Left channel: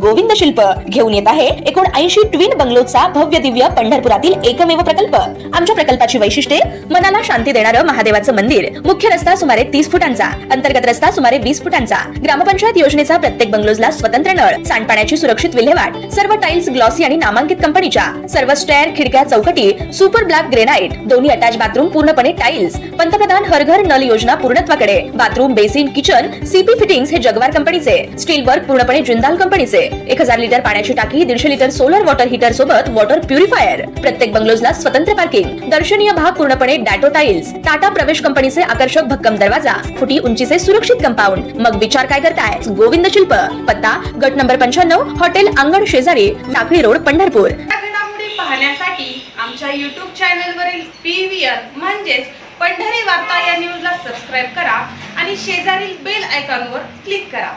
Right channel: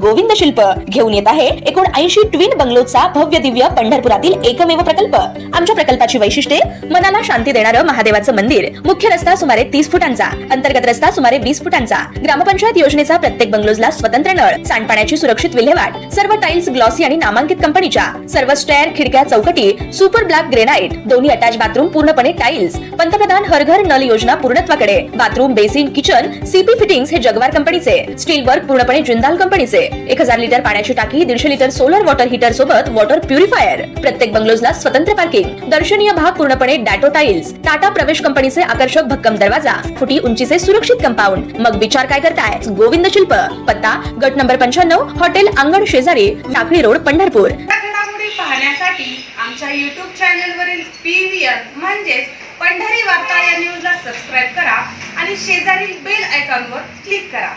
गोविंद शिल्प घेऊन येत आहे एकूण 80 ट्विन बंगलोचा भव्य दिव्य पंढरपुरातील एकमेव प्रकल्प। आमच्या प्रकल्पाची वैशिष्ट्ये मनाला शांती देणारं महादेवाचं मंदिर, मुख्य रस्ता सुमारे 30 फुटांचा, अंतर्गत रस्ता सुमारे 20 फुटांचा, ग्रामपंचायत योजनेचा प्रत्येक बंगलोजला स्वतंत्र नळ, सांडपाण्याची सुरक्षित विल्हेवाट, सर्व टाइल्स ग्लॉसी आणि नामांकित कंपनीच्या, सर्व स्टेअर, खिडक्या, चौकटी सुपर ब्लॅक ग्रेनाइट, दोन्ही अटॅच बाथरूम पूर्णपणे टाइल्स, पंतप्रधान हर घर नल योजना पूर्णत्वाकडे, bathroom, basin, kitchen CP fittings हे जगवार कंपनीचे, स्टील वर्क पूर्णपणे जिंदाल कंपनीचे, 1000 लिटर पाण्याची टाकी, 150 लिटर सोलर वॉटर हीटर सोबत वॉटर प्युरिफायर, प्रत्येक बंगलोजला स्वतंतत्र पार्किंग, दर्शनीय भाग पूर्णपणे डॅटो टाइल्स, टाटा प्रवेश कंपनीचे आकर्षक भक्कम दरवाजा, फुटी उंचीचे सुरक्षित कंपाऊंड। मग विचार काय करताय? गोविंद शिल्प, पत्ता गट नंबर 95, हॉटेल अंगण शेजारी, टाकळी रोड, पंढरपूर। घडामोडी पाहण्यासाठी आमच्या YouTube चॅनलवरील PVR म्हणजेच पंढरी वार्ता या न्यूजला सबस्क्राइब करा आणि शेजारील बेल आयकॉनवर क्लिक करा।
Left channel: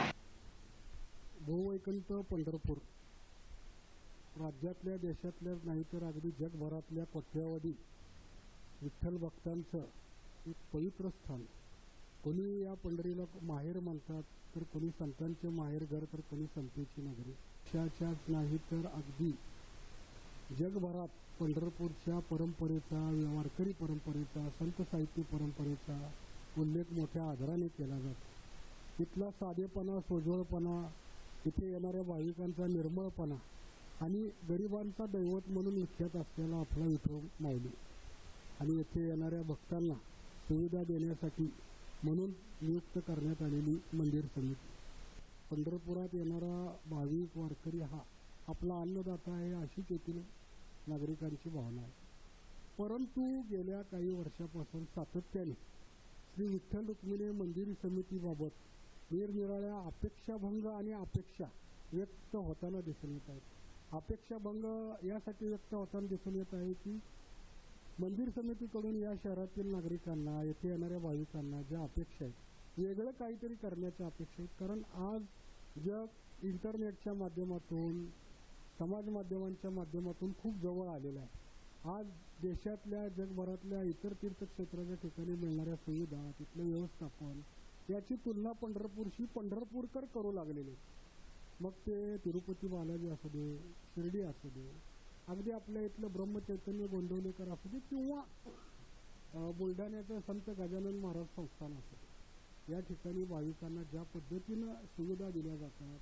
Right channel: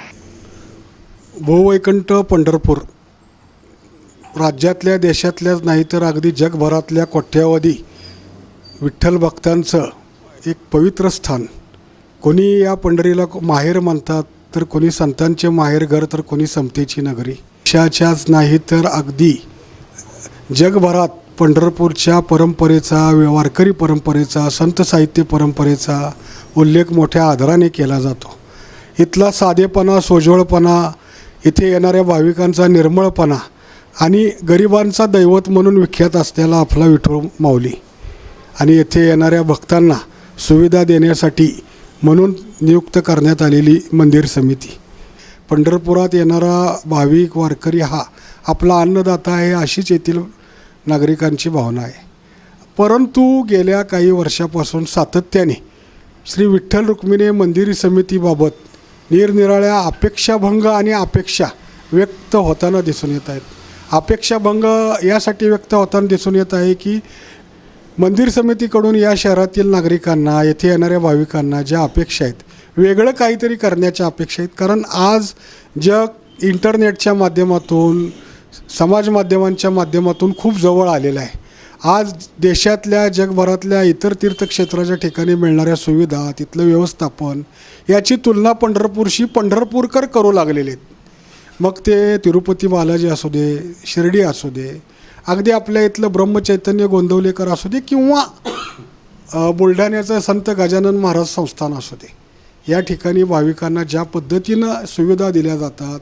भूवैकुंठ पंढरपूर राज्यातल्या देशातल्याच नाही तर अगदी जगभरातल्या कोट्यावधी विठ्ठल भक्तांचं एक पवित्र स्थान। कोणी या पंढरीला माहेर म्हणतात, तर कोणी संतांचे माहेर घर, तर कोणी समतेची नगरी। देशाच्याच नाही तर अगदी जगभरात पंढरपूरच्या परंपरेचा, वारकरी परंपरेचा, संत साहित्य परंपरेचा उल्लेख मोठ्या आदराने केला जातो। इथला साधेपणा, सोजवळपणा, इथे येणाऱ्या भाविकांचा निर्मळपणा आणि गरिबांचा दैवत म्हणून विख्यात असलेला आपला विठोबा माऊली आणि येथे येणाऱ्या भक्तांना सुविधा देण्यासाठी म्हणून नियुक्त करण्यात आलेली मंदिर समिती। पंढरपुरात येणारा भाविक वारकरी हा आपला अन्नदाता आहे अशीच येथील नागरिकांची भावना आहे। परंतु गेल्या काही वर्षापासून सातत्याने श्री विठ्ठल रुक्मिणी मंदिर समितीबाबत निरनिराळ्या अपेक्षाभंग आणि अपेक्षा व्यक्त होताना दिसून येत आहेत। अपेक्षाभंग यासाठी व्यक्त होताना दिसून येत आहे की मंदिर समितीकडून या शहरातील नागरिकांना, येथे येणाऱ्या भाविकांना ज्या अपेक्षा आहेत, वेगळं काहीतरी करण्याच्या अपेक्षा आहेत। कारण आज जग इंटरनेटच्या माध्यमातून, समाज माध्यमांच्या माध्यमातून खूप जवळ आलेलं आहे। आज देशातल्या, जगभरातल्या इतर तीर्थक्षेत्राच्या ठिकाणी मिळणाऱ्या सुविधा, तिथलं व्यवस्थापन याची तुलना पंढरपूरशी पंढरपूरकर करू लागलेले आहेत। मग ते तिरुपती बालाजी असू दे, शिर्डी असू दे, अगदी आपल्या इथलं ब्रह्मचैतन्य गोंदवलेकर असू दे किंवा बुलढाण्याचं संत गजानन महाराज संस्थान असू दे, या ठिकाणी भाविकांना ज्या पद्धतीनं सुविधा दिल्या जातात,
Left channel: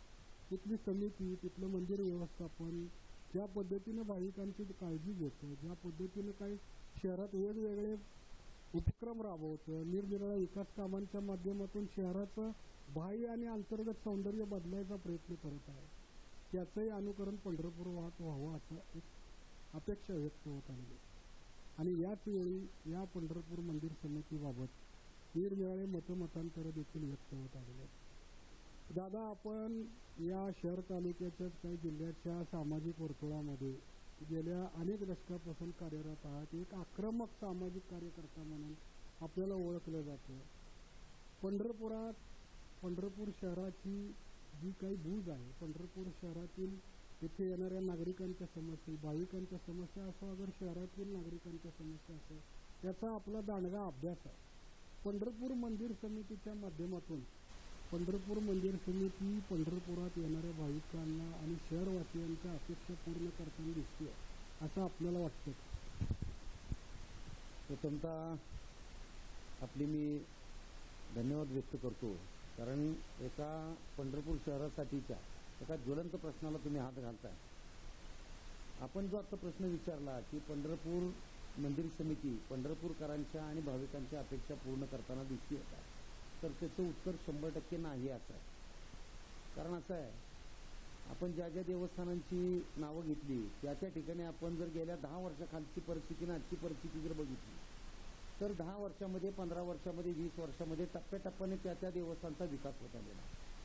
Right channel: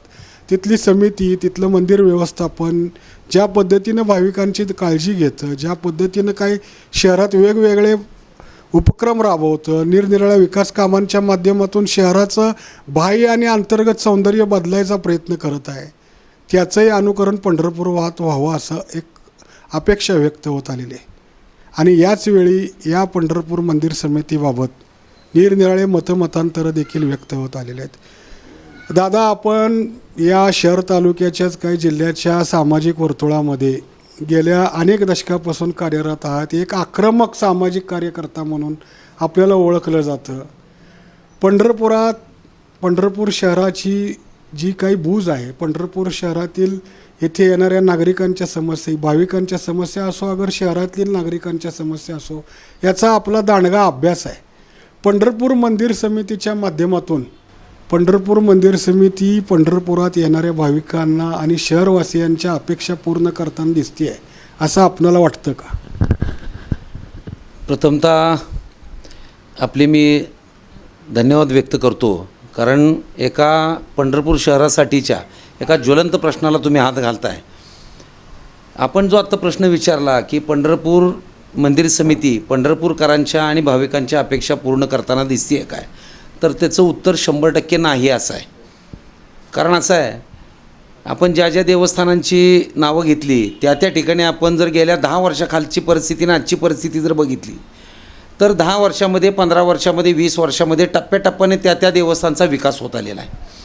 तिथली समिती, तिथलं मंदिर व्यवस्थापन ज्या पद्धतीनं भाविकांची काळजी घेतं, ज्या पद्धतीनं काही शहरात वेगवेगळे उपक्रम राबवतं, निरनिराळ्या विकास कामांच्या माध्यमातून शहराचं बाह्य आणि अंतर्गत सौंदर्य बदलायचा प्रयत्न करत आहे, त्याचंही अनुकरण पंढरपुरात व्हावं असं एक अपेक्षा व्यक्त होत आलेली आहे। आणि याच वेळी या पंढरपूर मंदिर समितीबाबत निरनिराळे मतमतांतरं देखील व्यक्त होत आलेले आहेत। दादा, आपण या शहर तालुक्याच्याच काही जिल्ह्याच्या सामाजिक वर्तुळामध्ये गेल्या अनेक दशकापासून कार्यरत आहात। एक आक्रमक सामाजिक कार्यकर्ता म्हणून आपल्याला ओळखलं जातं। पंढरपूर शहराची जी काही बूज आहे, पंढरपूर शहरातील येथे येणाऱ्या नागरिकांच्या समस्या, भाविकांच्या समस्या असो, अगर शहरातील नागरिकांच्या समस्या असो, याचा आपला दांडगा अभ्यास आहे। पंढरपूर मंदिर समितीच्या माध्यमातून पंढरपूर मंदिर समिती पंढरपुरात येणाऱ्या भाविकांना आणि शहरवासियांच्या अपेक्षा पूर्ण करताना दिसते आहे, असं आपल्याला वाटतं का? प्रथमतः आपले मी धन्यवाद व्यक्त करतो, कारण एका पंढरपूर शहरासाठीच्या एका ज्वलंत प्रश्नाला तुम्ही हात घालताय। आपण जो आत्ता प्रश्न विचारला की पंढरपूर मंदिर समिती पंढरपूरकरांच्या आणि भाविकांच्या अपेक्षा पूर्ण करताना दिसते आहे काय, तर त्याचं उत्तर 100% नाही असं आहे। कारण असं आहे, आपण ज्या ज्या देवस्थानांची नावं घेतली त्या त्या ठिकाणी आपण जर गेल्या 10 वर्षाखालची परिस्थिती आणि आजची परिस्थिती जर बघितली, तर 10 वर्षामध्ये, 15 वर्षामध्ये, 20 वर्षामध्ये टप्प्याटप्प्याने त्या त्या देवस्थानचा विकास होत आलेला आहे।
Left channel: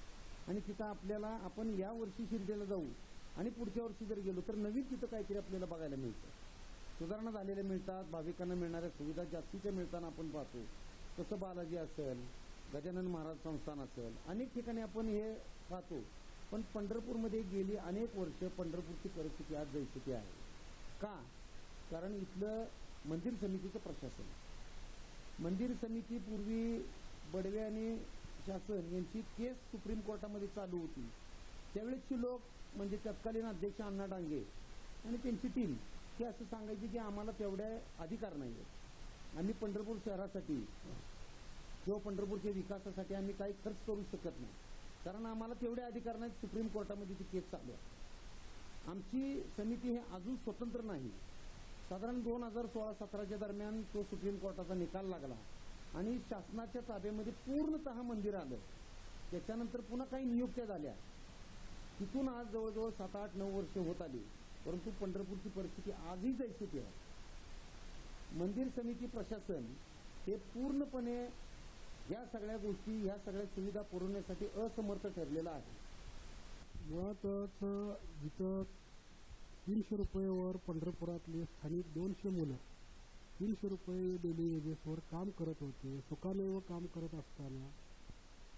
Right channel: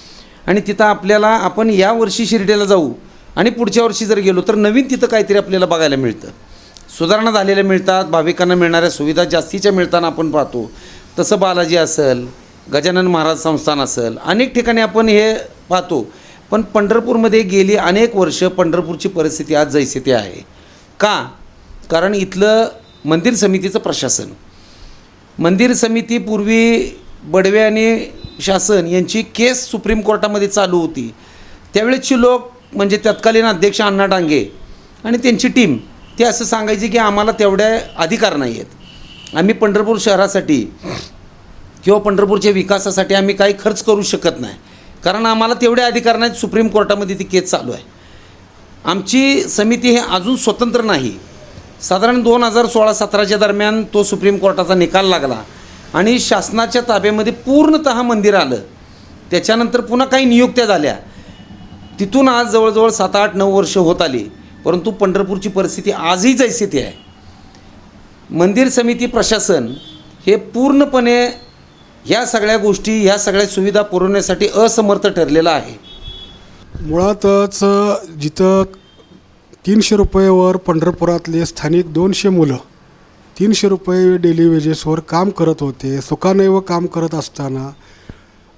आणि तिथं आपल्याला, आपण या वर्षी शिर्डीला जाऊ आणि पुढच्या वर्षी जर गेलो तर नवीन तिथं काहीतरी आपल्याला बघायला मिळतं, सुधारणा झालेल्या मिळतात, भाविकांना मिळणाऱ्या सुविधा जास्तीच्या मिळताना आपण पाहतो। तसं बालाजी असेल, गजानन महाराज संस्थान असेल, अनेक ठिकाणी आपण हे पाहतो। पण पंढरपूरमध्ये गेली अनेक वर्ष पंढरपूरची परिस्थिती आज जैसे ते आहे का? कारण इथलं मंदिर समितीचं प्रशासन, मंदिर समिती पूर्वी बडवे आणि शासन यांची केस सुप्रीम कोर्टामध्ये चालू होती, त्यावेळेची लोक म्हणजे तत्कालीन अध्यक्ष अण्णा डांगे आणि त्यांची टीम ते असं सांगायची की आम्हाला तेवढे अधिकार नाही आहेत, आम्ही पंढरपूर शहरासाठी किंवा पंढरपूरच्या विकासासाठी आम्ही काही खर्च करू शकत नाही, कारण आम्हाला तेवढे अधिकार नाहीत. सुप्रीम कोर्टामध्ये ती केस चालू आहे. आमची समिती हे अजून स्वतंत्र नाही. साधारण 2016-17च्या दरम्यान तो सुप्रीम कोर्टाचा निकाल लागला आणि शासनाच्या ताब्यामध्ये पूर्णतः मंदिर आलं. त्याच्यानंतर पुन्हा काही नियुक्त्या झाल्या. तिथून आज जवळजवळ 7-8-9 वर्ष होत आली, परंतु पंढरपूरची परिस्थिती आजही जैसी ती आहे. मंदिर समिती प्रशासन हे पूर्णपणे ह्या सगळ्या गोष्टी, ह्या सगळ्या सुविधा पुरवण्यासाठी असमर्थ ठरलेलं आहे. मुळातच जिथं 300 रुपयेवर पंढरपुरातले स्थानिक 200 मुलं 300 रुपये डेली वेजेसवर काम करत होते. सुखानेव काम करत असताना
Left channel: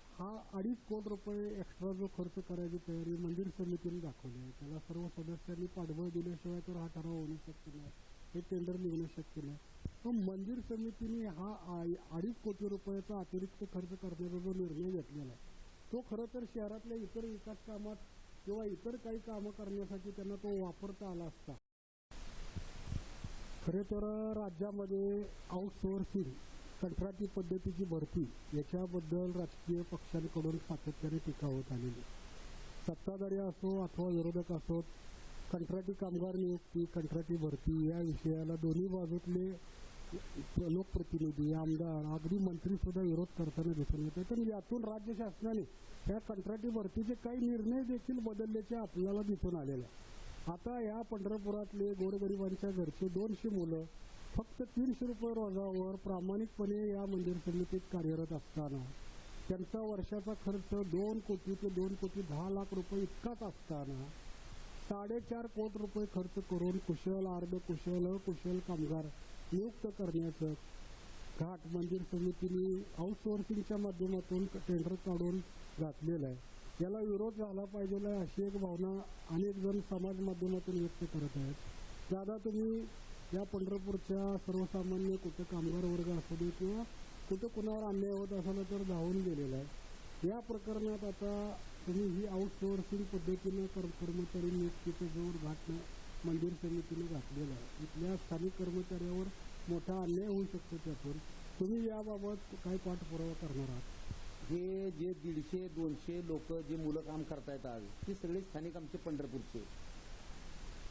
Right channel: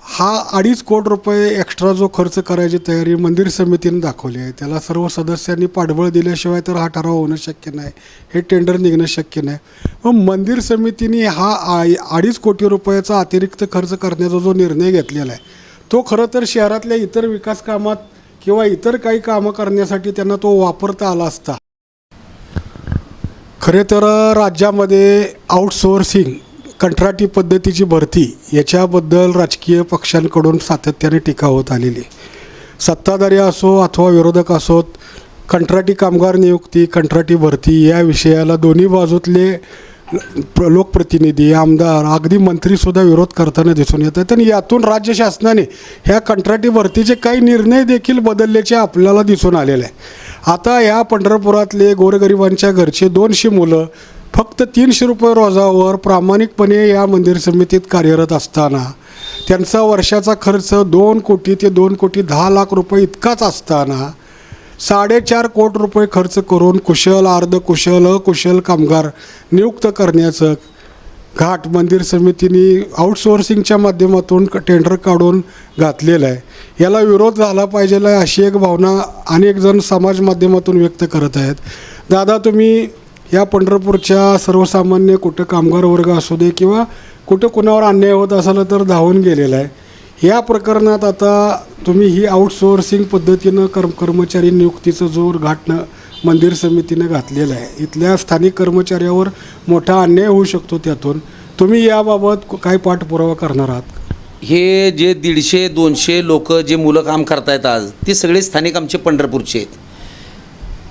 हा 2.5 कोटी रुपये एक्स्ट्रा जो खर्च करायची तयारी मंदिर समितीने दाखवली आहे, त्याला सर्व सदस्यांनी पाठबळ दिल्याशिवाय तर हा ठराव होणं शक्य नाही, हे टेंडर निघणं शक्य नाही. मग मंदिर समितीने हा 2.5 कोटी रुपयाचा अतिरिक्त खर्च करण्याचा जो निर्णय घेतलेला आहे, तो खरं तर शहरातल्या इतर विकास कामात किंवा इतर काही कामं करण्यासाठी त्यांना तो वापरता आला असता. खरे तर राज्यामध्ये आउटसोर्सिंग कंत्राटी पद्धतीची भरती याच्याबद्दल राजकीय पक्षांकडून सातत्याने टीका होत आलेली. सत्ताधारी असो अथवा विरोधक असोत, कंत्राटी कामगार नियुक्ती, कंत्राटी भरती या विषयाला दोन्ही बाजूतले लोकप्रतिनिधी, आमदार, अगदी मंत्रीसुद्धा विरोध करताना दिसून येतात. आणि यातून राज्य शासनाने ह्या कंत्राटी भरतीचे काही निर्णय देखील बदलल्याचे आपल्याला दिसून आलेले आहे. आता ह्या पंढरपुरातले गोरगरिबांच्या घरचे 200 मुलं फक्त 300 रुपये रोजावर प्रामाणिकपणे या मंदिर समितीत कार्यरत असताना त्यांचा वर्षाचा खर्च 2 कोटी ते 2 कोटी 10 लाख रुपये इतकाच असताना 4.5 कोटी रुपये खर्च करून कुशल, अर्धकुशल, अकुशल कामगार नियुक्त करण्याचं घाट मंदिर समितीने आउटसोर्सिंगच्या माध्यमातून टेंडर काढून घातलेलं आहे. याला विरोध झाला पाहिजे अशी एक भावना अनेक जण समाज माध्यमातून व्यक्त करत आहेत. दादा, तुम्ही या पंढरपूरच्या सर्वसामान्य कुठं कामगार वर्ग असू दे किंवा कुठं कुणावर अन्याय होत असेल तर धावून गेलेला आहे. या प्रकरणात आता तुम्ही ही आउटसोर्सिंग पद्धतीनं कर्मचारी नियुक्तीचं जो घाट मंदिर समितीनं घातलेला आहे, इथल्या स्थानिक कर्मचाऱ्यावर मोठा अन्याय होऊ शकतो. त्यातून तुम्ही याबाबत काय पाठपुरावा करणार आहात? हे जे 150-200 लोक जे मुलं काम करतायत आज, ते सगळे स्थानिक आमचे पंढरपूरचे आहेत.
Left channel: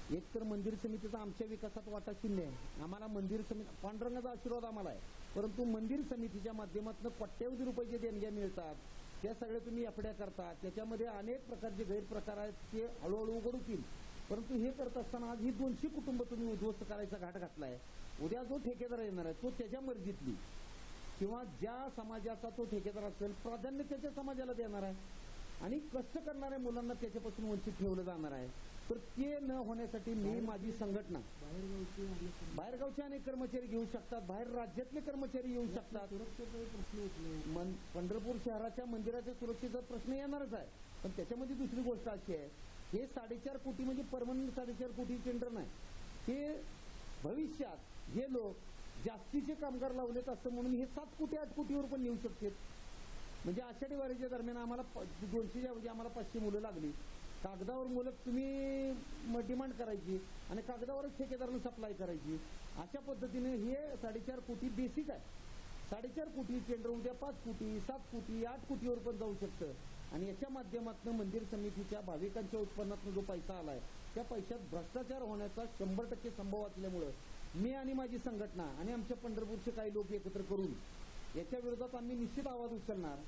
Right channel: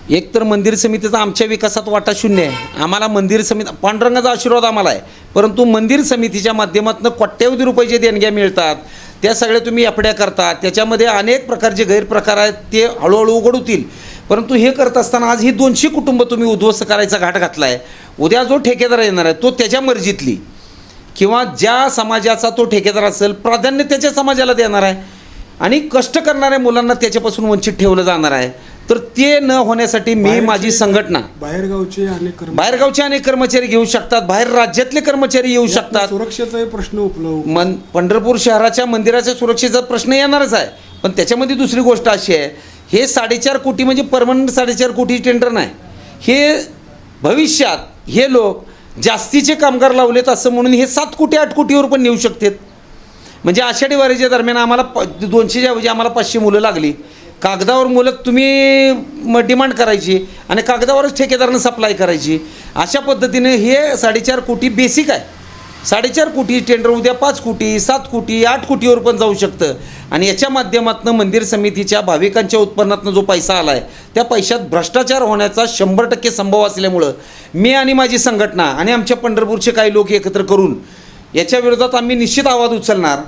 एक तर मंदिर समितीचा आमच्या विकासात वाटा शून्य आहे. आम्हाला मंदिर समिती, पांडुरंगाचा आशीर्वाद आम्हाला आहे, परंतु मंदिर समितीच्या माध्यमातून कोट्यवधी रुपयाचे देणग्या मिळतात. त्या सगळ्या तुम्ही एफड्या करता, त्याच्यामध्ये अनेक प्रकारचे गैरप्रकार आहेत, ते हळूहळू उघड होतील. परंतु हे करत असताना आज ही 200 कुटुंब तुम्ही उद्ध्वस्त करायचा घाट घातला आहे. उद्या जो ठेकेदार येणार आहे तो त्याच्या मर्जीतली किंवा ज्या समाजाचा तो ठेकेदार असेल प्राधान्य त्याच्या समाजाला देणार आहे आणि कष्ट करणाऱ्या मुलांना त्याच्यापासून वंचित ठेवलं जाणार आहे. तर ते न होण्यासाठी मी माझी संघटना, बाहेरगावचे अनेक कर्मचारी घेऊ शकतात, बाहेर राज्यातले कर्मचारी येऊ शकतात. सुरक्षेचा प्रश्न उपलब्ध पंढरपूर शहराच्या मंदिराच्या सुरक्षेचा प्रश्न येणारच आहे. पण त्याच्यामध्ये दुसरी गोष्ट अशी आहे, हे 4.5 कोटी म्हणजे परमनंट 4.5 कोटी टेंडर नाही. हे भविष्यात हे लोक जास्तीचे कामगार लावलेत असं म्हणून हे 7 कोटी 8 कोटीवर पण नेऊ शकतात. म्हणजे आषाढी वारीच्या दरम्यान आम्हाला 200च्या ऐवजी आम्हाला 500 मुलं लागली. कागदावर मुलं तुम्ही डिमांड करायची आणि कागदावरच ठेकेदारानं सप्लाय करायची. अशा पद्धतीने हे 4.5 कोटी बेसिक आहे. 4.5 कोटी टेंडर उद्या 5 कोटी 7 कोटी 8 कोटीवर पण जाऊ शकतं. आणि याच्या माध्यमातून मंदिर समितीच्या भाविकांच्या उत्पन्नातून जो पैसा आला आहे त्या पैशात भ्रष्टाचार होण्याचा 100% संभव असल्यामुळं मी आणि माझी संघटना आणि आमच्या पंढरपूरचे काही लोक एकत्र करून याच्या विरोधात आम्ही निश्चित आवाज उचलणार.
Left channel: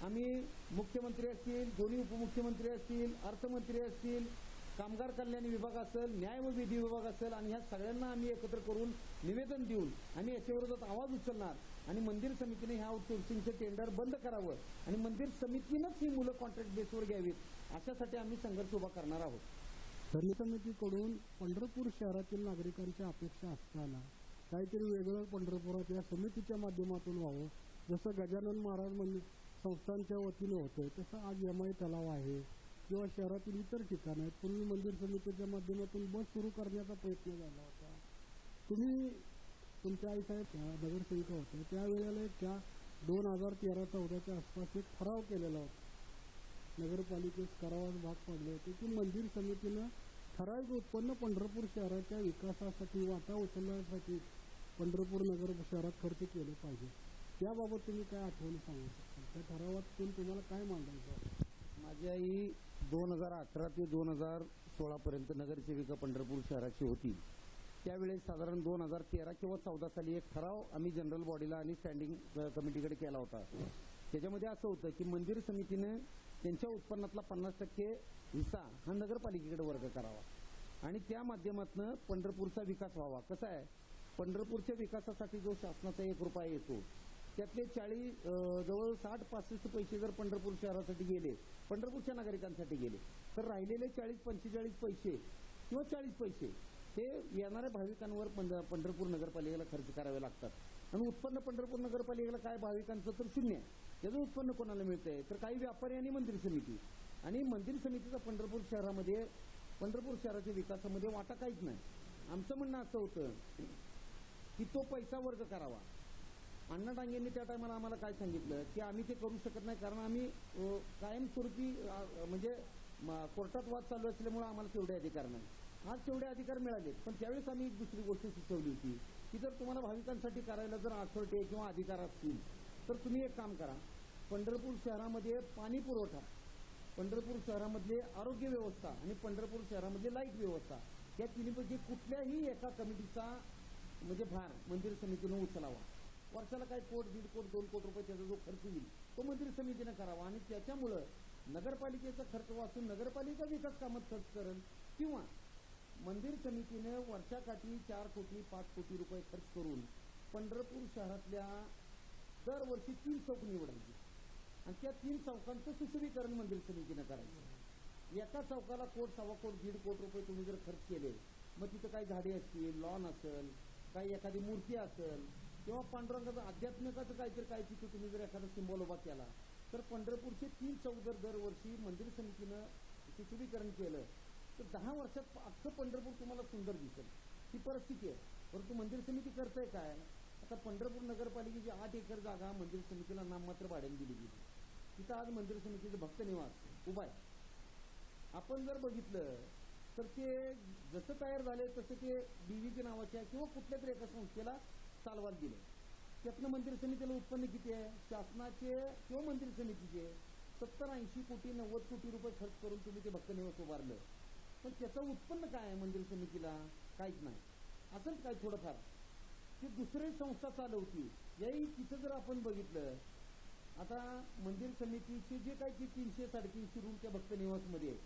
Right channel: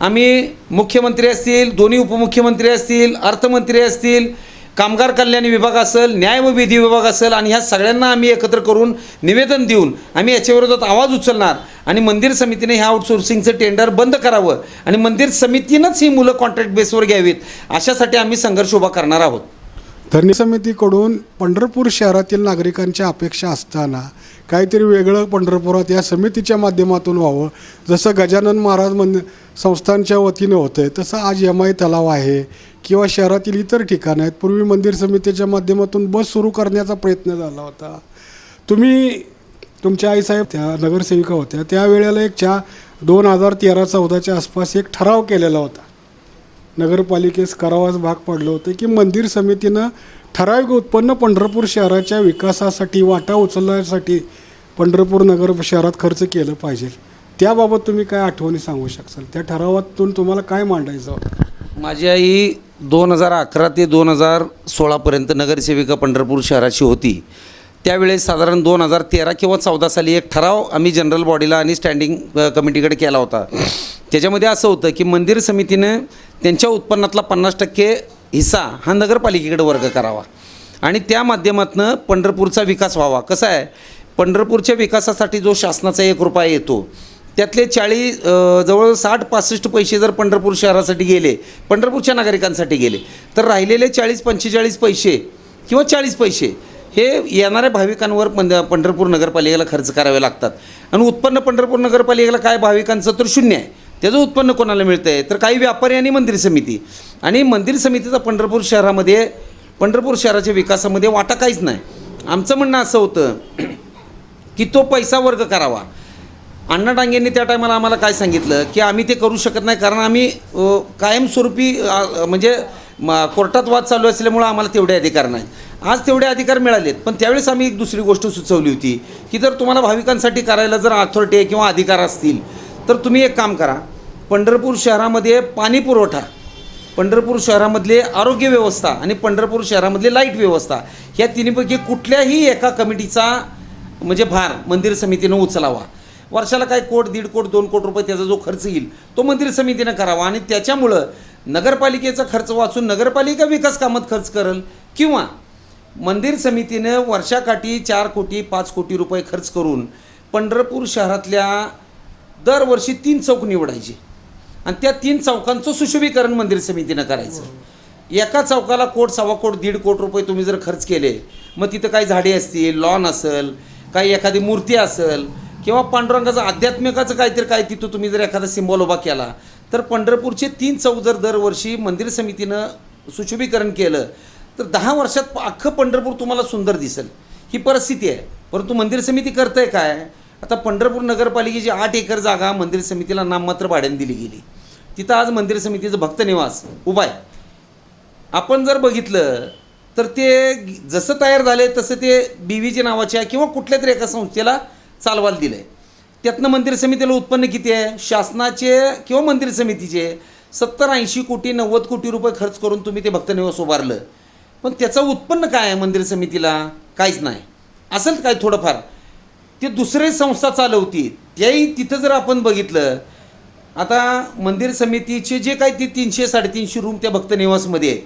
आम्ही मुख्यमंत्री असतील, दोन्ही उपमुख्यमंत्री असतील, अर्थमंत्री असतील, कामगार कल्याण विभाग असेल, न्याय व विधी विभाग असेल आणि ह्या सगळ्यांना आम्ही एकत्र करून निवेदन देऊन आम्ही याच्या विरोधात आवाज उचलणार आणि मंदिर समितीने ह्या आउटसोर्सिंगचं टेंडर बंद करावं आणि मंदिर समितीनंच ही मुलं कॉन्ट्रॅक्ट बेसवर घ्यावीत, अशासाठी आम्ही संघर्ष उभा करणार आहोत. धरणी समितीकडून पंढरपूर शहरातील नागरिकांच्या अपेक्षा असताना काहीतरी वेगळं पंढरपुरात या समितीच्या माध्यमातून व्हावं. जसं गजानन महाराज संस्थांच्या वतीनं होतं आहे तसं आज MI तलाव आहे किंवा शहरातील इतर ठिकाणं आहेत. पूर्वी मंदिर समितीच्या माध्यमातून बस सुरू करण्याचा प्रयत्न झाला होता. तुम्ही तुमच्या आईसाहेब त्या नगरसेविका होत्या त्यावेळेला 2013-14च्या आसपास एक ठराव केलेला होता नगरपालिकेस करावाच भाग पडलं होतं की मंदिर समितीनं ठराविक उत्पन्न पंढरपूर शहराच्या विकासासाठी वाटा उचलण्यासाठी पंढरपूर नगर शहरात खर्च केलं पाहिजे. त्याबाबत तुम्ही काय आठवणी सांगू शकाल? त्या ठरावातून तुम्हाला काय मांडायचं होतं? माझी आई 2011 ते 2016पर्यंत नगरसेविका पंढरपूर शहराची होती. त्यावेळेस साधारण 2013 किंवा 14 साली एक ठराव आम्ही जनरल बॉडीला आणि स्टँडिंग कमिटीकडे केला होता. त्याच्यामध्ये असं होतं की मंदिर समितीनं त्यांच्या उत्पन्नातला 50% हिस्सा हा नगरपालिकेकडे वर्ग करावा आणि त्या माध्यमातून पंढरपूरचा विकास व्हावा. कसं आहे, पंढरपूरच्या विकासासाठी जो शासनाचा 1 रुपया येतो त्यातले जवळ 60-65 पैसे जर पंढरपूर शहरासाठी गेले, पंढरपूरच्या नागरिकांसाठी गेले, तर राहिलेले 40-45 पैसे किंवा 40 पैसे हे येणाऱ्या भाविकांवर पंढरपूर नगरपालिकेला खर्च करावे लागतात. आणि उत्पन्न पंढरपूर नगरपालिकेला काय भाविकांचं तर शून्य आहे. त्याचं उत्पन्न कोणाला मिळतं आहे तर काही व्यापारी आणि मंदिर समिती. आणि मंदिर समितीचा पंढरपूर शहराच्या विकासामध्ये वाटा काहीच नाही. आमचं म्हणणं असं होतं की तो पैसा वर्ग करावा. अण्णा डांगेंनी त्या टायमाला आम्हाला काय सांगितलं की आम्ही ते करू शकत नाही, कारण आम्ही कायमस्वरूपी म्हणजे कोर्टात वाद चालू असल्यामुळं आम्हाला तेवढे अधिकार नाहीत. आज तेवढे अधिकार मिळालेत. पण त्यावेळेस आम्ही एक दुसरी गोष्ट सुचवली होती की जर तुम्हाला भाविकांसाठी करायला जर अथॉरिटी किंवा अधिकार असतील तर तुम्ही एक काम करा, पंढरपूर शहरामध्ये पाणी पुरवठा, पंढरपूर शहरामधले आरोग्य व्यवस्था आणि पंढरपूर शहरामधली लाईट व्यवस्था ह्या तिन्हीपैकी कुठल्याही एका कमिटीचा म्हणजे भार मंदिर समितीनं उचलावा. वर्षाला काय 1 कोटी, 1.5 कोटी, 2 कोटी रुपये त्याचा जो खर्च येईल तो मंदिर समितीनं करावा. आणि त्याच्यामुळं नगरपालिकेचा खर्च वाचून नगरपालिका विकास कामात खर्च करेल, किंवा मंदिर समितीनं वर्षाकाठी 4 कोटी 5 कोटी रुपये खर्च करून पंढरपूर शहरातल्या दरवर्षी 3 चौक निवडायचे आणि त्या 3 चौकांचं सुशोभीकरण मंदिर समितीनं करायचं. एका चौकाला 1 कोटी, 1.25 कोटी, 1.5 कोटी रुपये तुम्ही जर खर्च केले, मग तिथं काही झाडे असतील, लॉन असेल, काही एखादी मूर्ती असेल किंवा पांडुरंगाचं आध्यात्मिकाचं काहीतरी काय तिथं तुम्ही जर एखादा सिम्बॉल उभा केला, तर पंढरपूरचे 3 चौक जर दरवर्षी मंदिर समितीनं सुशोभीकरण केलं तर 10 वर्षात अख्खं पंढरपूर तुम्हाला सुंदर दिसेल. ही परिस्थिती आहे. परंतु मंदिर समिती करतंय काय, आता पंढरपूर नगरपालिकेची 8 एकर जागा मंदिर समितीला नाममात्र भाड्याने दिली गेली. तिथं आज मंदिर समितीचं भक्त निवास उभा आहे. आपण जर बघितलं तर ते जसं तयार झाले तसं ते BVG नावाच्या किंवा कुठल्या तरी एका संस्थेला चालवायला दिलं आहे. त्यातनं मंदिर समितीला उत्पन्न किती आहे? शासनाचे किंवा मंदिर समितीचे 70-80 कोटी 90 कोटी रुपये खर्च करून तुम्ही ते भक्त निवास उभारलं, पण त्याचं उत्पन्न काय आहे मंदिर समितीला? काहीच नाही. असेल काय थोडंफार ते दुसरे संस्था चालवती, त्याही तिथं जर आपण बघितलं, आता मंदिर समितीचे जे काही ते 300-350 रूम त्या भक्त निवासमध्ये आहेत.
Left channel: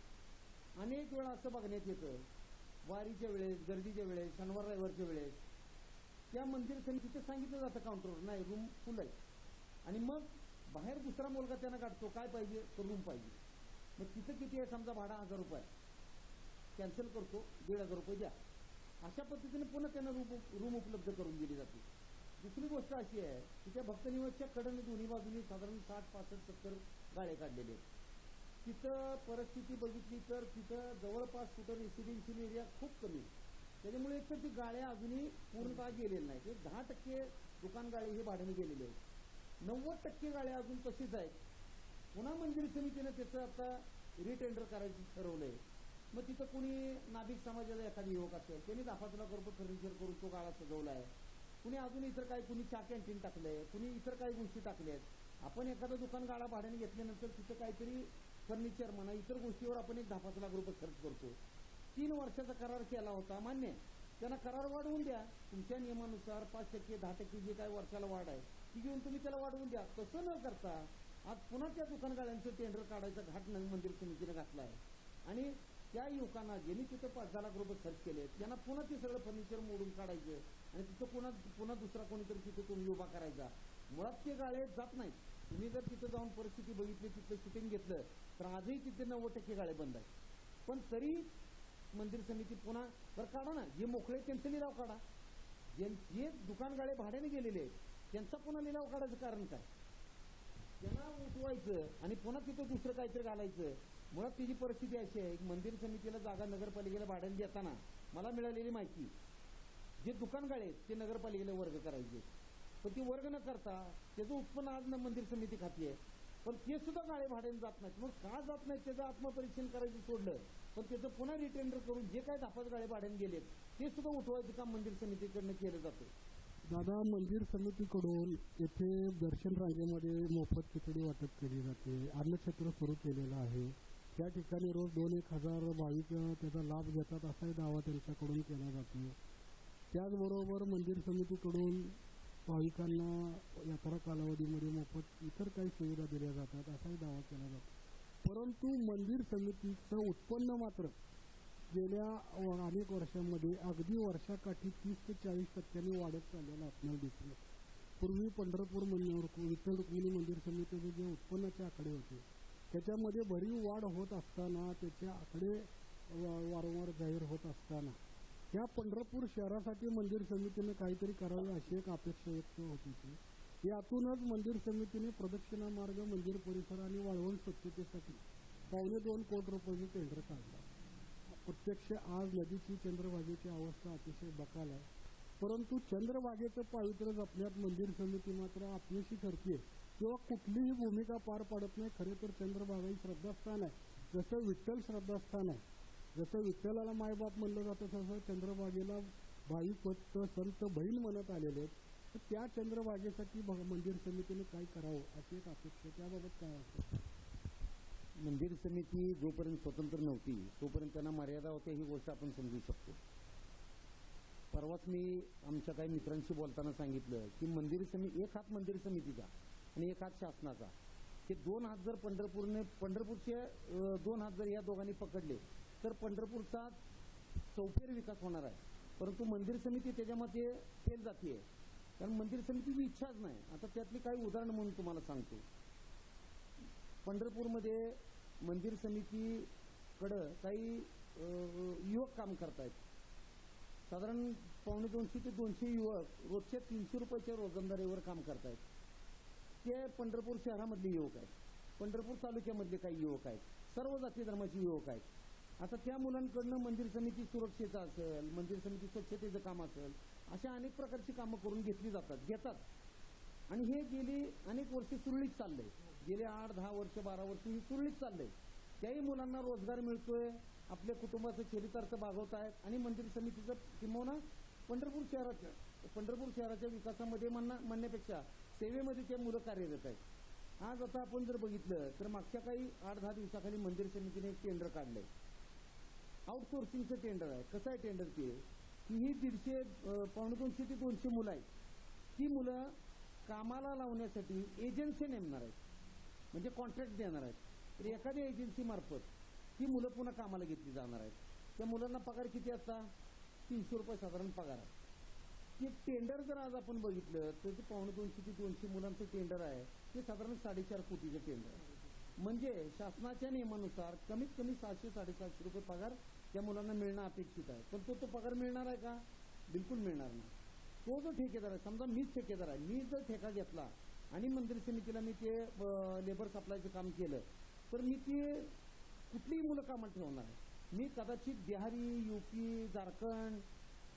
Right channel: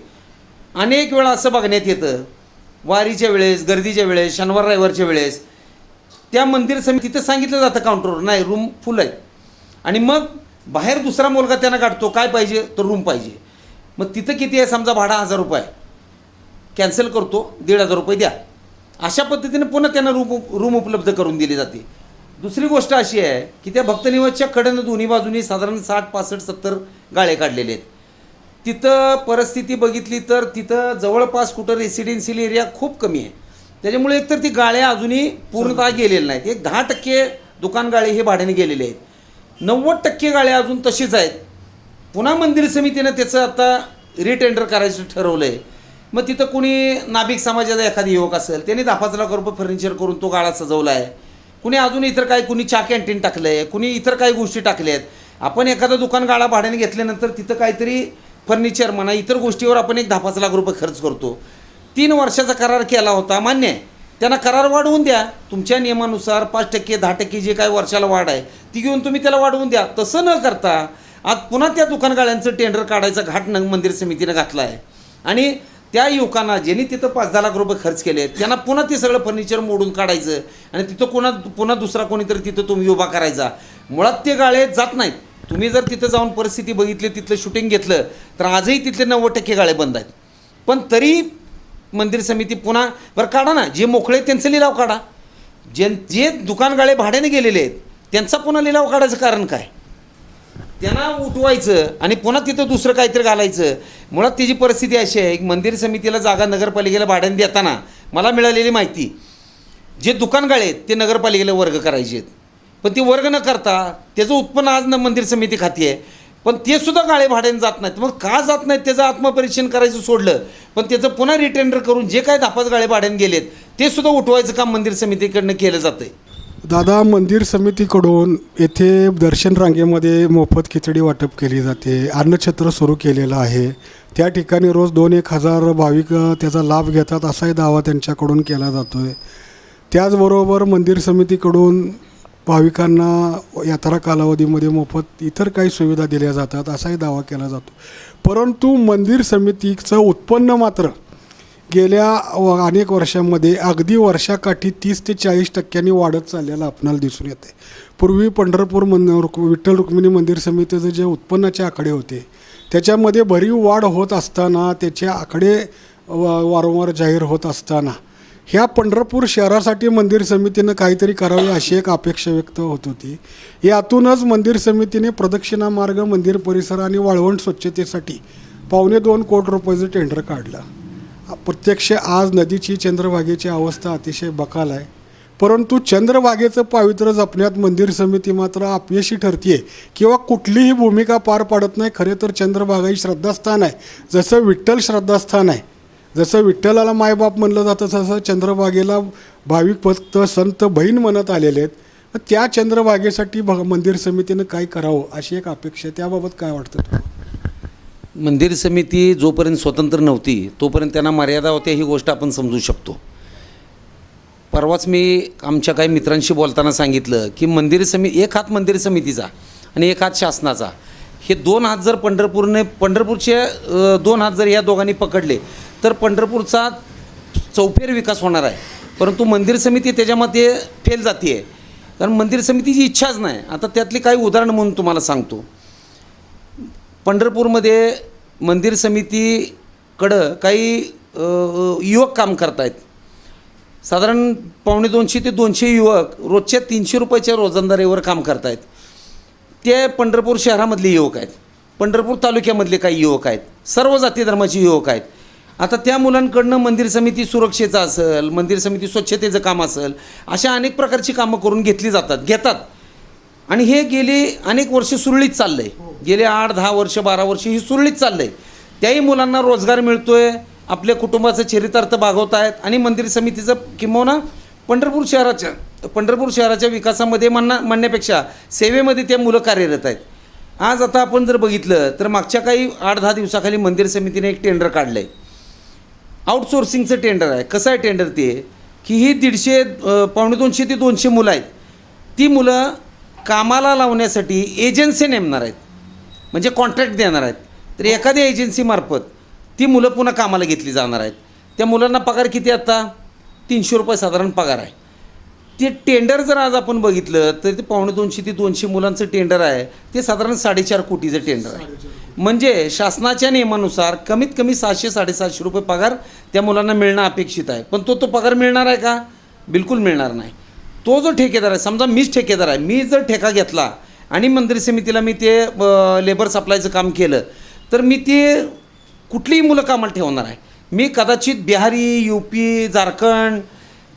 अनेक वेळा असं बघण्यात येतं वारीच्या वेळेस, गर्दीच्या वेळेस, शनिवार रविवारच्या वेळेस त्या मंदिर समितीचं सांगितलं जातं काउंटरवर, नाही रूम फुल आहेत. आणि मग बाहेर दुसरा मुलगा त्यांना काढतो, काय पाहिजे तर रूम पाहिजे. मग तिथं किती आहे समजा भाडा 1000 रुपये, कॅन्सल करतो, 1,500 रुपये द्या. अशा पद्धतीने पुन्हा त्यांना रूम उपलब्ध करून दिली जाते. दुसरी गोष्ट अशी आहे की त्या भक्तनिवासच्या कडेनं दोन्ही बाजूनी साधारण 60, 65, 70 गाळे काढलेले आहेत. तिथं परिस्थिती बघितली तर तिथं जवळपास कुठं रेसिडेन्शियल एरिया खूप कमी आहे. त्याच्यामुळे एकतर ती गाळे अजूनही पूर्णतः गेलेले नाहीत. एक 10% दुकान गाळे हे भाड्याने गेलेले आहेत. 90% गाळे अजून तशीच आहेत. पुन्हा मंदिर समितीनं त्याचं आता रिटेंडर करायचं ठरवलं आहे. मग तिथं कुणी नाभिक समाजाचा एखादी युवक असेल, त्यांनी 10-5 लाख रुपये फर्निचर करून तो गाळा सजवला आहे. कुणी अजून इतर काही, कुणी चहा कॅन्टीन टाकलं आहे, कुणी इतर काही गोष्टी टाकल्या आहेत. आपण एखादा दुकान गाळा भाड्याने घेतल्यानंतर तिथं काहीतरी फर्निचर म्हणा इतर गोष्टीवर आपण एक 10-5 लाख रुपये खर्च करतो. 3 वर्षाचा करार केला होता, मान्य आहे. त्यांना करार वाढवून द्या तुमच्या नियमानुसार 5%, 10% जे काय वर्षाला वाढ आहे ती घेऊन तुम्ही त्याला वाढवून द्या. तसं न करता आज पुन्हा त्या दुकान गाळ्यांचं टेंडर काढायचा घाट मंदिर समितीनं घातला आहे. आणि त्या युवकांना ज्यांनी तिथं 5-10 लाख रुपये खर्च केले त्यांना पुन्हा ते सगळं फर्निचर मोडून काढायचं आणि तिथं पुन्हा दुसरा कोणीतरी तिथं तुम्ही उभा करायचा. मुळात ते गाळे जात नाहीत. तुम्ही जर तिथं जाऊन परिस्थिती बघितली, तिथलं शूटिंग घेतलं तर आजही तिथले 90% गाळे बंद आहेत. पण तरी मंदिर समिती पुन्हा बरं काढा ना, जे मोकळे त्यांचा लिलाव काढा. जे दुकान गाळे भाड्याने गेलेले आहेत त्यांचा पुन्हा लिलाव काढायचं कारण काय? त्यांना उठवायचं आणि पुन्हा तिथं दुसरं काहीतरी घालायचं. मुळात त्याची परिस्थिती अशी आहे की मंदिर समितीला जागा नगरपालिकेला भाड्याने देताना मला मिळालेली माहिती, जे दुकान गाळे आहेत ते नगरपालिकेला वर्ग करायचे आहेत. पण ते वर्ग न करता त्याचं उत्पन्न आज मंदिर समिती खाती आहे. पण ते सुद्धा गाळे भाड्याने जात नाहीत. मग का जात नाहीत त्याचं आत्मपरीक्षण करायचं सोडलं, पण त्याचं पुन्हा रिटेंडर करून जे काय 10-5 गाळे भाड्याने गेलेत ते सुद्धा उठवायचं काम मंदिर समितीकडनं केलं जातं आहे. दादा, मंदिर समितीकडून येथे दर्शन रांगेमध्ये मोफत खिचडी वाटप केली जाते, अन्नछत्र सुरू केलेलं आहे. त्या ठिकाणी रोज 2-1 हजार भाविक त्याचा लाभ घेतात असाही दावा त्यांच्याकडून केला जातो आहे. त्याचबरोबर मंदिर समितीकडून भाविकांना यात्रा कालावधीमध्ये मोफत इतर काही सुविधा दिल्या जातात असाही दावा केला जातो. परंतु मंदिर समितीचं उत्पन्न मात्र गेल्या अनेक वर्षांमध्ये अगदी वर्षाकाठी 30 ते 40% वाढत चाललेलं आपणाला दिसून येते. पूर्वी पंढरपूर विठ्ठल रुक्मिणी मंदिर समितीचे जे उत्पन्नाचे आकडे होते त्याच्यामध्ये भरीव वाढ होत असताना, त्याचे आकडे वारंवार जाहीर होत असताना ह्या पंढरपूर शहरासाठी मंदिर समितीनं काहीतरी करावे अशी एक अपेक्षा व्यक्त होत होती. यातूनच मंदिर समितीने प्रदक्षिणा मार्ग, मंदिर परिसर आणि वाळवंट स्वच्छतेसाठी 2.25 कोटी रुपयाचं टेंडर काढलं. प्रत्यक्ष आज नदीची, चंद्रभागेची अवस्था अतिशय बकाल आहे. परंतु चंद्रभागेचं पावित्र्य जपण्यात मंदिर समिती मात्र अपयशी ठरते किंवा कुठलीही भूमिका पार पाडत नाही. खरे तर चंद्रभागा ही श्रद्धास्थान आहे. जसं विठ्ठल श्रद्धास्थान आहे, जसं विठ्ठलाला मायबाप म्हणलं जातं, तसं चंद्रभागेला भाविक भक्त, संत, बहीण म्हणत आलेले आहेत. त्या चंद्रभागेसाठी मंदिर समितीनं काय करावं अशी एक अपेक्षा आहे. त्याबाबत काय वाटतं? मंदिर समिती जोपर्यंत स्वतंत्र नव्हती तोपर्यंत त्यांना मर्यादा होत्या, ही गोष्ट आपण समजू शकतो. परवाच मी आमच्या काही मित्रांशी बोलताना सांगितलं की एक हात मंदिर समितीचा आणि एक हात शासनाचा, हे 2 हात जर पंढरपूरचे 2 हात जर या दोघांनी पकडले तर पंढरपूरचा चौफेर विकास होणार आहे. परंतु मंदिर समिती त्याच्यामध्ये फेल जाते आहे, कारण मंदिर समितीची इच्छाच नाही. आता त्यातली काही उदाहरणं म्हणून तुम्हाला सांगतो. पंढरपूरमध्ये मंदिर समितीकडं काही युवक काम करत आहेत. साधारण 250 ते 200 युवक रोजच्या 300 रुपयाच्या रोजंदारीवर काम करत आहेत. ते पंढरपूर शहरामधले युवक आहेत, पंढरपूर तालुक्यामधले काही युवक आहेत, सर्व जाती धर्माचे युवक आहेत. आता त्या मुलांकडनं मंदिर समिती सुरक्षेचं असेल, मंदिर समिती स्वच्छतेचं काम असेल, अशा अनेक प्रकारची कामं करून घेतात आणि हे गेली अनेक वर्ष सुरळीत चाललं आहे. गेले 8-10 वर्ष 12 वर्ष ही सुरळीत चाललं आहे. त्याही मुलांना रोजगार मिळतो आहे, आपल्या कुटुंबाचं चरितार्थ भागवत आहेत आणि मंदिर समितीचं किंबहुना पंढरपूर शहराच्या विकासामध्ये म्हणण्यापेक्षा सेवेमध्ये त्या मुलं कार्यरत आहेत. आज आता आपण जर बघितलं तर मागच्या काही 8-10 दिवसाखाली मंदिर समितीने एक टेंडर काढलं आहे. आउटसोर्सिंगचं टेंडर आहे. कसं आहे टेंडर ते, की ही 250 ते 200 मुलं आहेत. ती मुलं कामाला लावण्यासाठी एजन्सी नेमणार आहेत, म्हणजे कॉन्ट्रॅक्ट देणार आहेत. तर एखाद्या एजन्सीमार्फत ती मुलं पुन्हा कामाला घेतली जाणार आहेत. त्या मुलांना पगार किती, आता 300 रुपये साधारण पगार आहे. ते टेंडर जर आज आपण बघितलं तर ते 250 ते 200 मुलांचं टेंडर आहे. ते साधारण 4.5 कोटीचं टेंडर आहे. म्हणजे शासनाच्या नियमानुसार कमीत कमी 700-750 रुपये पगार त्या मुलांना मिळणं अपेक्षित आहे. पण तो पगार मिळणार आहे का? बिलकुल मिळणार नाही. तो जो ठेकेदार आहे, समजा मीच ठेकेदार आहे, मी जर ठेका घेतला आणि मंदिर समितीला मी ते लेबर सप्लायचं काम केलं तर मी ते कुठलीही मुलं कामाला ठेवणार आहे. मी कदाचित बिहारी, UP, झारखंड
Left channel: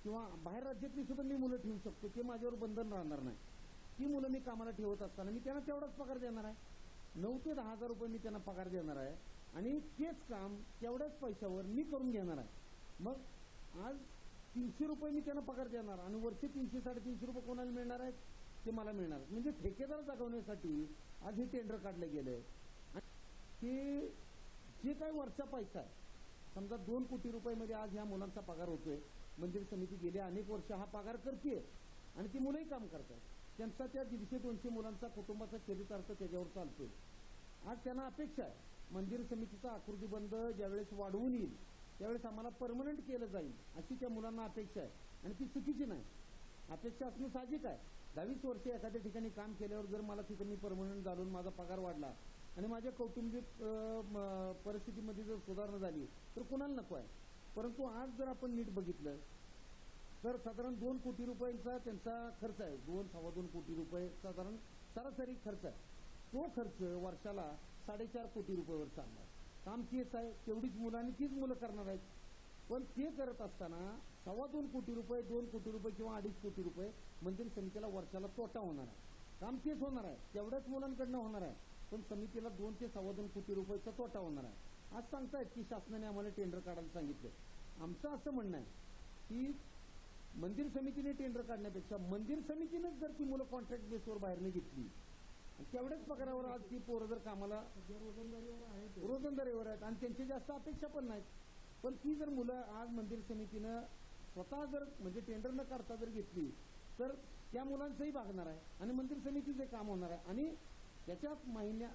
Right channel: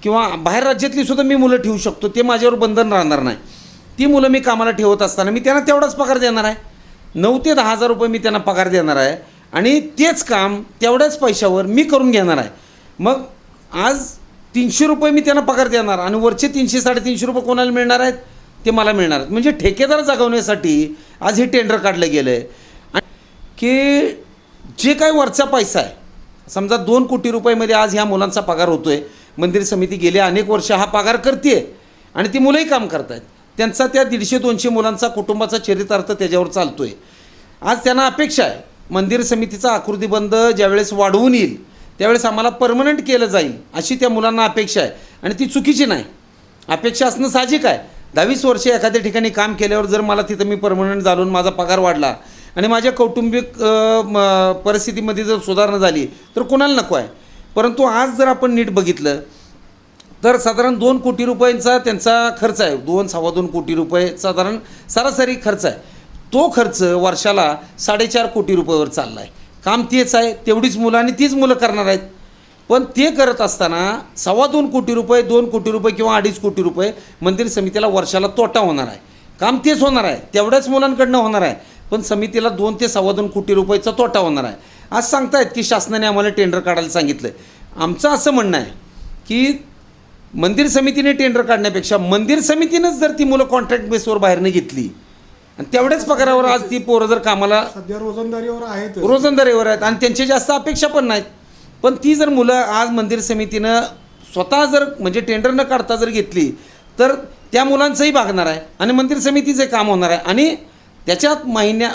किंवा बाहेर राज्यातली सुद्धा मी मुलं ठेवू शकतो. ते माझ्यावर बंधन राहणार नाही. ती मुलं मी कामाला ठेवत असताना मी त्यांना तेवढाच पगार देणार आहे. 9 ते 10 हजार रुपये मी त्यांना पगार देणार आहे आणि तेच काम तेवढ्याच पैशावर मी करून घेणार आहे. मग आज 300 रुपये मी त्यांना पगार देणार आणि वरचे 300-350 रुपये कोणाला मिळणार आहेत? ते मला मिळणार आहेत. म्हणजे ठेकेदार जगवण्यासाठी आज हे टेंडर काढलं गेलं आहे की जे काही वरचा पैसा आहे, समजा 2 कोटी रुपयामध्ये आज ह्या मुलांचा पगार होतो आहे. मंदिर समिती गेले अनेक वर्ष हा पगार करते आहे आणि ती मुलंही काम करत आहेत. त्यांचा त्या 150-200 मुलांचा कुटुंबाचा चरितार्थ त्याच्यावर चालतो आहे. आज त्यांना अपेक्षा आहे मंदिर समितीचा आकृतीबंध ज्यावेळेस वाढवून येईल त्यावेळेस आम्हाला परमनंट केलं जाईल अशी त्या मुलांना अपेक्षा आहे. आणि ती चुकीची नाही. अपेक्षा असणं साहजिक आहे. 10-20 वर्षे एखाद्या ठिकाणी काम केल्यावर जर मला तिथं मी परमनंट झालो, माझा पगार वाढला आणि माझ्या कौटुंबिक परिस्थितीमध्ये जर सुधारणा झाली तर कोणाला नको आहे. परंतु आज जर आपण नीट बघितलं तर साधारण 2 कोटी रुपयांचा त्यांचा खर्च आहे. 2-2.25 कोटी रुपये साधारण सरासरी खर्च आहे. तो खर्च वर्षाला 4.5 कोटी रुपयावर चालला आहे. काम तेच आहे, तेवढीच मुलं आणि तीच मुलं करणार आहेत. पण ते करत असताना 2.25 कोटी रुपये, 2 कोटी रुपये किंवा 2.5 कोटी रुपये मंदिर समितीला वर्षाला तोटा होणार आहे. काम तेच होणार आहे, तेवढ्याच मुलांकडनं होणार आहे, पण समितीला 2 ते 2.25 कोटी रुपयाचा तोटा होणार आहे. आज सांगतायत की शासनाने आम्हाला टेंडर काढायला सांगितलं आहे. आमचं असं म्हणणं आहे की मंदिर समितीने टेंडर काढण्यापेक्षा मंदिर समितीनंच जर ती मुलं कॉन्ट्रॅक्ट बेसवर बाहेरनं घेतली आणि तेवढ्याच पगारावर आज ती पोरं जर कामाला सध्या रोजंदारीवर आहेत. रोजंदारीवर आहेत आणि त्यांच्या जास्त अपेक्षा पण नाहीत, पण ती जर मुलं आज मंदिर समितीनं स्वतः जर म्हणजे टेंडर न काढता जर घेतली तर त्या मुलांचंही भागणार आहे आणि मंदिर समितीचं काम होणार आहे आणि त्याच्यात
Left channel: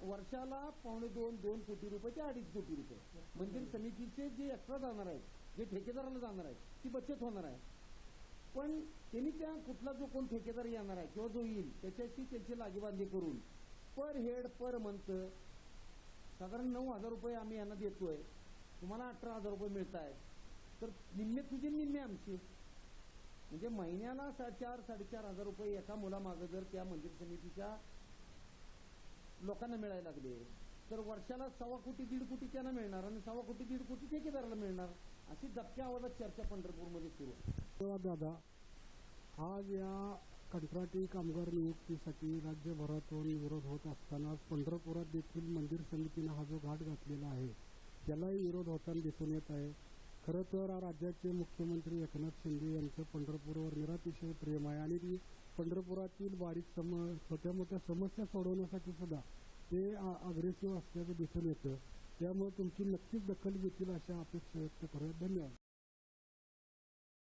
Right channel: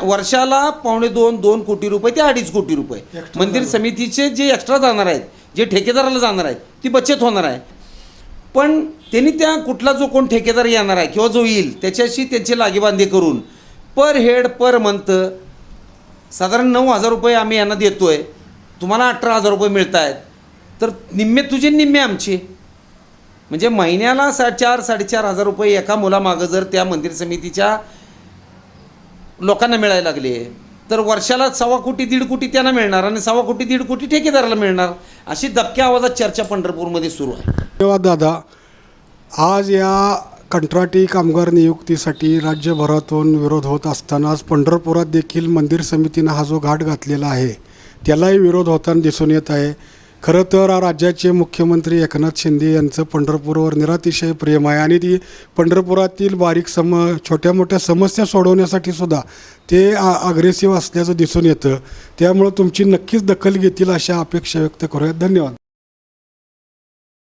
वर्षाला 2.25 कोटी रुपये ते 2.5 कोटी रुपये मंदिर समितीचे जे एक्स्ट्रा जाणार आहेत, जे ठेकेदाराला जाणार आहेत, ती बचत होणार आहे. पण त्यांनी त्या कुठला जो कोण ठेकेदार येणार आहे किंवा जो येईल त्याच्याशी त्यांचे लागेबांधे करून पर हेड पर मंथ साधारण 9,000 रुपये आम्ही यांना देतो आहे, तुम्हाला 18,000 रुपये मिळत आहेत, तर निम्मे तुझे निम्मे आमचे, म्हणजे महिन्याला 4,000-4,500 रुपये एका मुलामागं जर त्या मंदिर समितीच्या लोकांना मिळायला लागले तर वर्षाला 1.25 कोटी 1.5 कोटी त्यांना मिळणार आणि 1.25 कोटी 1.5 कोटी ठेकेदाराला मिळणार. अशी दबक्या आवाजात चर्चा पंढरपूरमध्ये सुरू आहे. धन्यवाद दादा. आज या कंत्राटी कामगार नियुक्तीसाठी राज्यभरातून विरोध होत असताना आज पंढरपुरात देखील मंदिर समितीनं हा जो घाट घातलेला आहे त्यालाही विरोध होताना दिसून येत आहे. खरं तर राज्याचे मुख्यमंत्री एकनाथ शिंदे यांचं पंढरपूरवर निरातिशय प्रेम आहे आणि ती पंढरपुरातील बारीक छोट्या मोठ्या समस्या सोडवण्यासाठी सुद्धा ते अग्रेसिव्ह असल्याचं दिसून येतं. त्यामुळं तुमची नक्कीच दखल घेतील अशा अपेक्षा व्यक्त करूयात. धन्यवाद.